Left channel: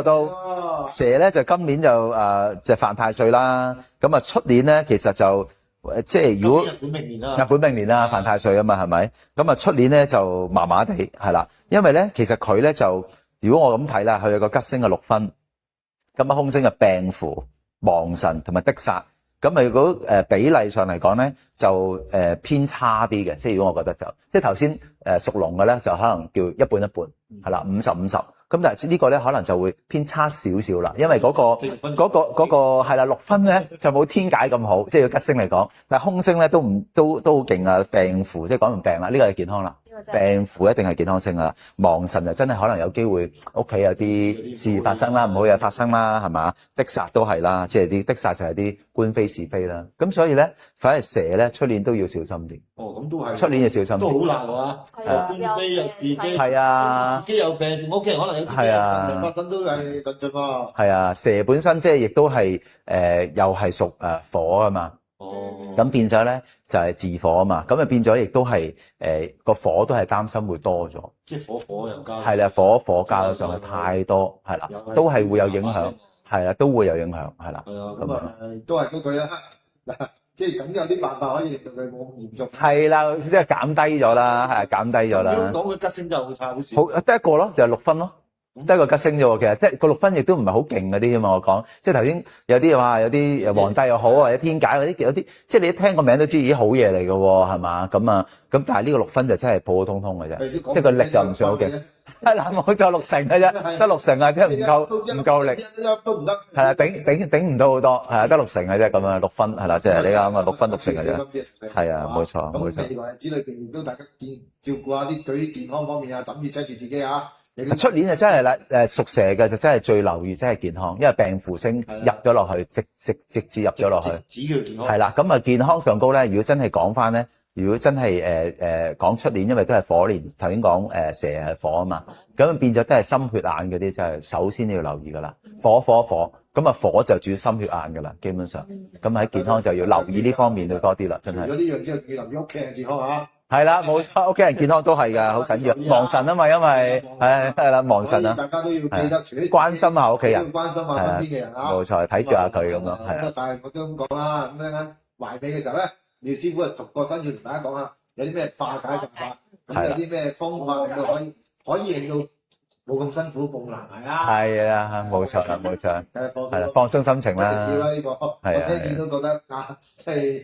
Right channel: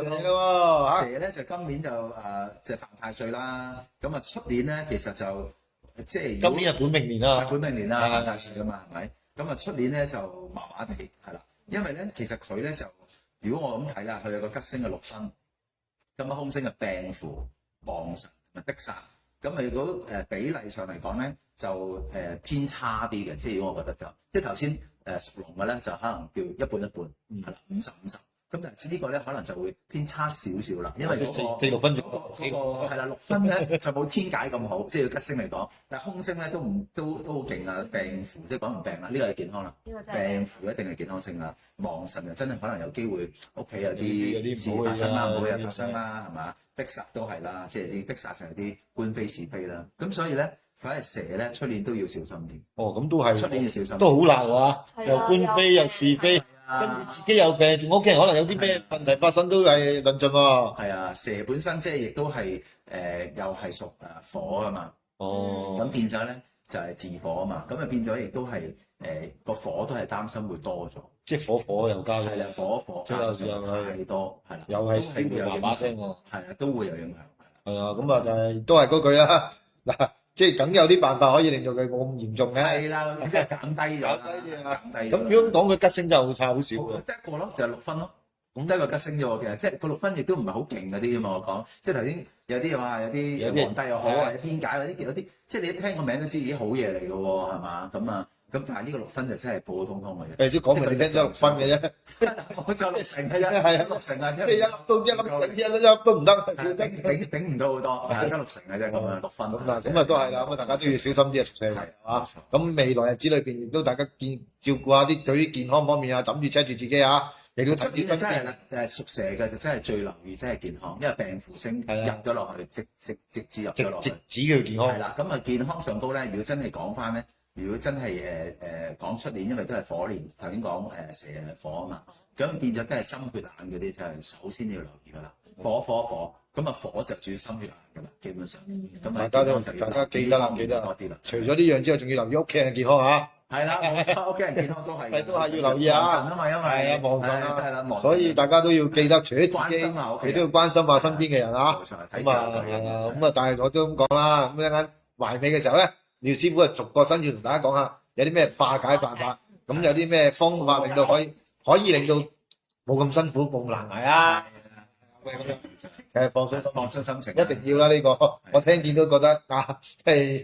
到蛇咧就今年就犯太歲啦，咁啊出年咧其實就即係如果日本明年啦，日本明年啦犯太歲啊嘛係咪？咁啊出年咧就麻麻地係啦，因為咧其實佢咧就如果我咁睇啦，佢有個吉星嘅6分，咁啊空星嘅病符、亡神同埋的煞，咁啊如果比例上嚟講咧就偏差啲嘅，即係如果我覺得就即係頭先屬龍嘅咧就可能叫一半一半係啦50-50。咁但係呢個咧可能就會偏差少少啦，因為嗰個係啦6分咧就冇天解咁好，即係要吉星嚟講。但係空星咧都好勁啊，病符即係講完病啦，呢個係健康啦。病符一定係健康星啦，亡神就真係可能有機會屋企有啲事發生啦，唔好嘢發生啦，係嘛？的煞都係啦，即係啲的煞就係啲官非是非啦。咁所以咧，反而蛇咧出年都要小心啲。哦，咁都係出年要小心啲。都好難喎，又官非又是非，係啊，自己有病，仲屋企人可能有啲咩問題發生都係論盡喎。係啊，蛇本身即係亦都係又係屬火啊嘛。哦。咁變咗咧就係自火啊嘛，咁啊變咗亦都係個火都係擔心會多咗。即係火又加。係啦，火加咗上去太多，係啦，都係會有影響。係啦，都會有影響，係啦。係啊，咁啊，但係都係嗰句啦。嗱，即係梗有啲辦法可以令到佢冇咁嚴重嘅。係啦，即係減低咗啦，係減低咗啦。如果講佢吉星真係好差，好少。好得一個咯，就係6分咯。得一個吉星啫喎，其實即係個6分亦都唔係好勁嗰啲啫嘛。我講即係頭先有啲話有啲皇帝又好或者天解嗰啲有啲，即係你一聽個名都知已經好嘢嚟嘅喎，係嘛？咁啊咁，但係呢個6分就真係普普通通嘅啫，即係個力就唔算好勁。係啦，冇錯，6成嘅啫，得6成啊，即係唔夠力，都唔得。係啦，頂唔到好多，係啊，得6成嘅啫，咁啊6分係啦，即係你啱啊，6分6成嘅啫。小心啲啊，屬蛇。係啊，冇錯。咁未來日子裏邊亦都大家照顧下啲對於健康方面啊，枕住車住自己啊。出年就真係啦，屬蛇嘅就真係最留意，真係健康，因為病符星入咗落去，直至入咗落去。只要健康。係啦，咁啊健康上高咧，如果真係講翻咧，如果真係講出年，因為都係火年，頭先講蛇係火啊嘛，咁變咗都係心血眼嗰啲，就係首先要留意噶啦。火，咁啊火就主要心血眼噶啦，基本上。咁喺健康就要留意呢方面要多啲啦，真係。除咗呢樣之外，仲要留意屋企人健康啊。係啦，冇錯，屋企人健康都係㗎，好緊要。亡神啊嘛，因為係啦，亡神啊。所以大家都要記得，除咗關心下屋企人，都要關心下身邊嘅人啊。冇錯，睇住下佢咁咯。咁啊，但係我都咁講啦，咁一陣埋尾嘅時候咧，廖師傅啊，逐個新要同大家講下有啲咩化解辦法，咁有啲咩方法令到可以令到冇咁辛苦，冇難捱啊！係啊，冇錯啦，冇錯。放鬆心情啦，一定要啦呢個。我聽見都覺得係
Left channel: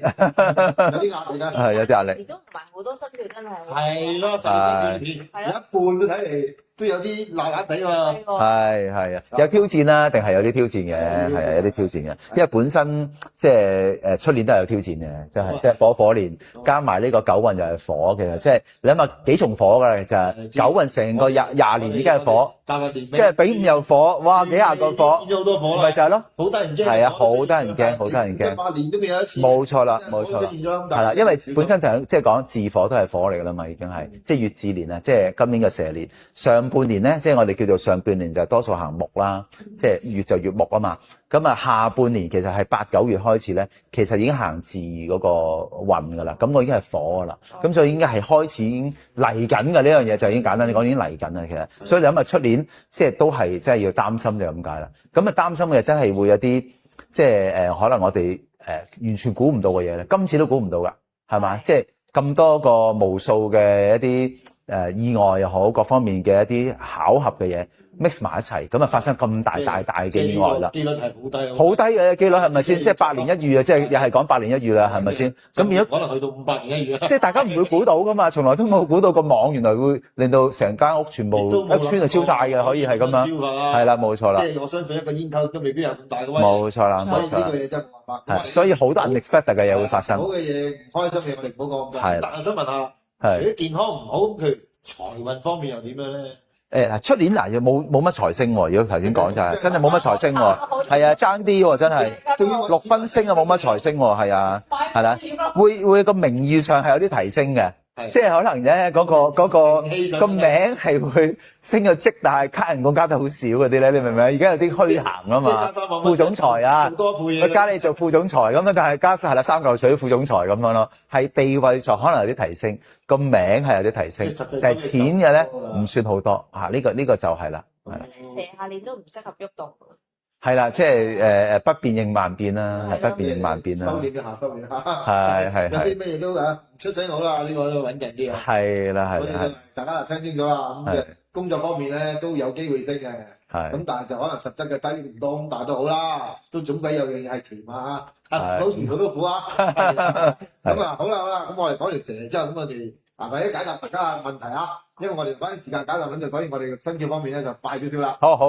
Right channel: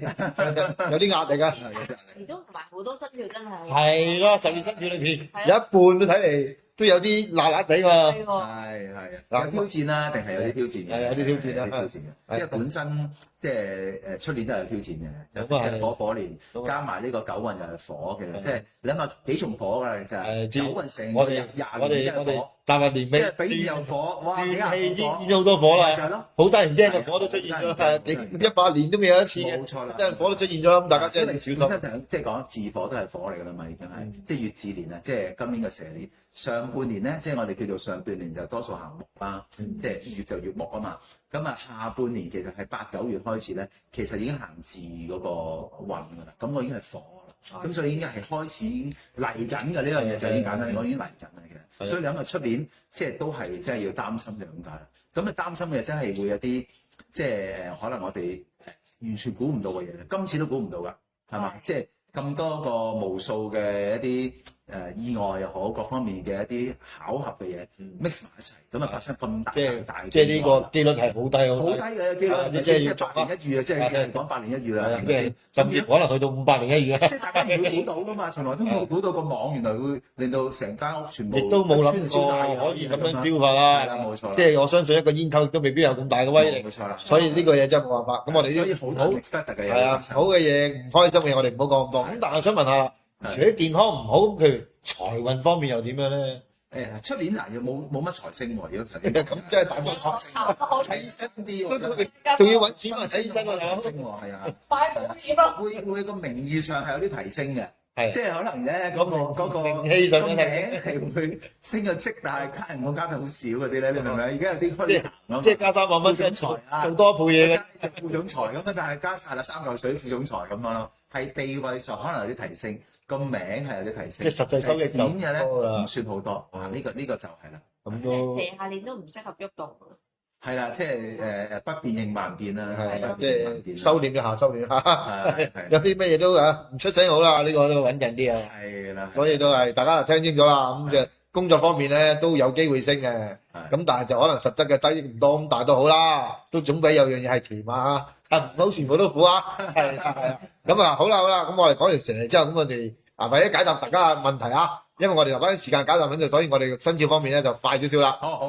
有啲壓力啊。係有啲壓力。而都唔係好多生肖真係。係咯，就呢片有一半都睇嚟都有啲辣辣地喎。係啊，有挑戰啦，定係有啲挑戰嘅，係啊，有啲挑戰嘅。因為本身即係出年都係有挑戰嘅，即係火年，加埋呢個九運又係火嘅，即係你諗下幾重火㗎，就係九運成個廿年已經係火，即係丙午又火，哇幾廿個火，好多火啦，咪就係咯，好得人驚，係啊，好得人驚，好得人驚，100年都未有一次，冇錯啦，冇錯，出現咗咁大，因為本身就即係講自火都係火嚟㗎啦嘛，已經係即係乙巳年啊，即係今年嘅蛇年上半年咧，即係我哋叫做上半年就多數行木啦，即係月就月木啊嘛。咁啊下半年其實係8、9月開始咧，其實已經行自嗰個運㗎啦。咁我已經係火㗎啦，咁所以應該係開始已經嚟緊嘅呢樣嘢就已經簡單啲講已經嚟緊啦。其實，所以你諗下出年即係都係即係要擔心就咁解啦。咁啊擔心嘅真係會有啲即係可能我哋完全估唔到嘅嘢咧，今次都估唔到㗎，係嘛？即係咁多個無數嘅一啲意外又好，各方面嘅一啲巧合嘅嘢 mix 埋一齊，咁啊發生咁大嘅意外啦。機率係好低，好低嘅機率係咪先？即係百年一遇啊！即係又係講百年一遇啦，係咪先？咁變咗可能去到500年一遇啊！即係大家唔會估到噶嘛，從來都冇估到個網原來會令到成間屋全部一村就燒晒嘅，可以係咁樣。燒法啦，係啦，冇錯啦。即係我相信一個煙頭都未必有咁大嘅威力。冇錯啦，所以呢個嘢真係冇辦法。咁我哋所以好多 unexpected 嘅嘢會發生。好嘅嘢、唔開心嘅嘢，我哋唔好講咁多。但係想問下，除咗健康唔好，譬如財運方面又點樣咧？出年嗱又冇乜財星喎，如果頭先講就係真係冇乜財星喎，係啊爭啲喎真係，仲要6分星啊冇乜財星喎，係啊，係啦，會個名譽上係有啲提升嘅，即係可能咧嗰個名係會升個職，但係加人工加得好少嗰啲咧，你明唔明啊？而家有啲虛銜啊嘛，即係加3萬蚊副總裁啊，多倍嘢，佢加你做副總裁咁樣，但係加係啦3嚿水副總裁咁樣咯，係地位上可能有啲提升。個名係有啲提升，但係錢嘅咧唔算好多嚇，呢個就係啦。咁都蛇下年都唔適合喐動。係啦，即係不變應萬變啦，係咯不變應萬變啦。收斂一下，收斂一下。係有啲乜嘢都唔出聲好啦，呢個都穩陣啲啊。係啦，所以都係大家就聽清楚啦。咁嘅工作方面咧都有機會升嘅，係咁但係就可能實質嘅低唔多咁，但係都好啦，都總比有樣嘢係甜啊，唔好全部都苦啊。咁啊，好啦，咁我哋講完蛇之後，咁我哋或者解答大家嘅問題啊，因為我哋留翻啲時間解答問題，所以我哋生肖方面咧就快少少啦。好好。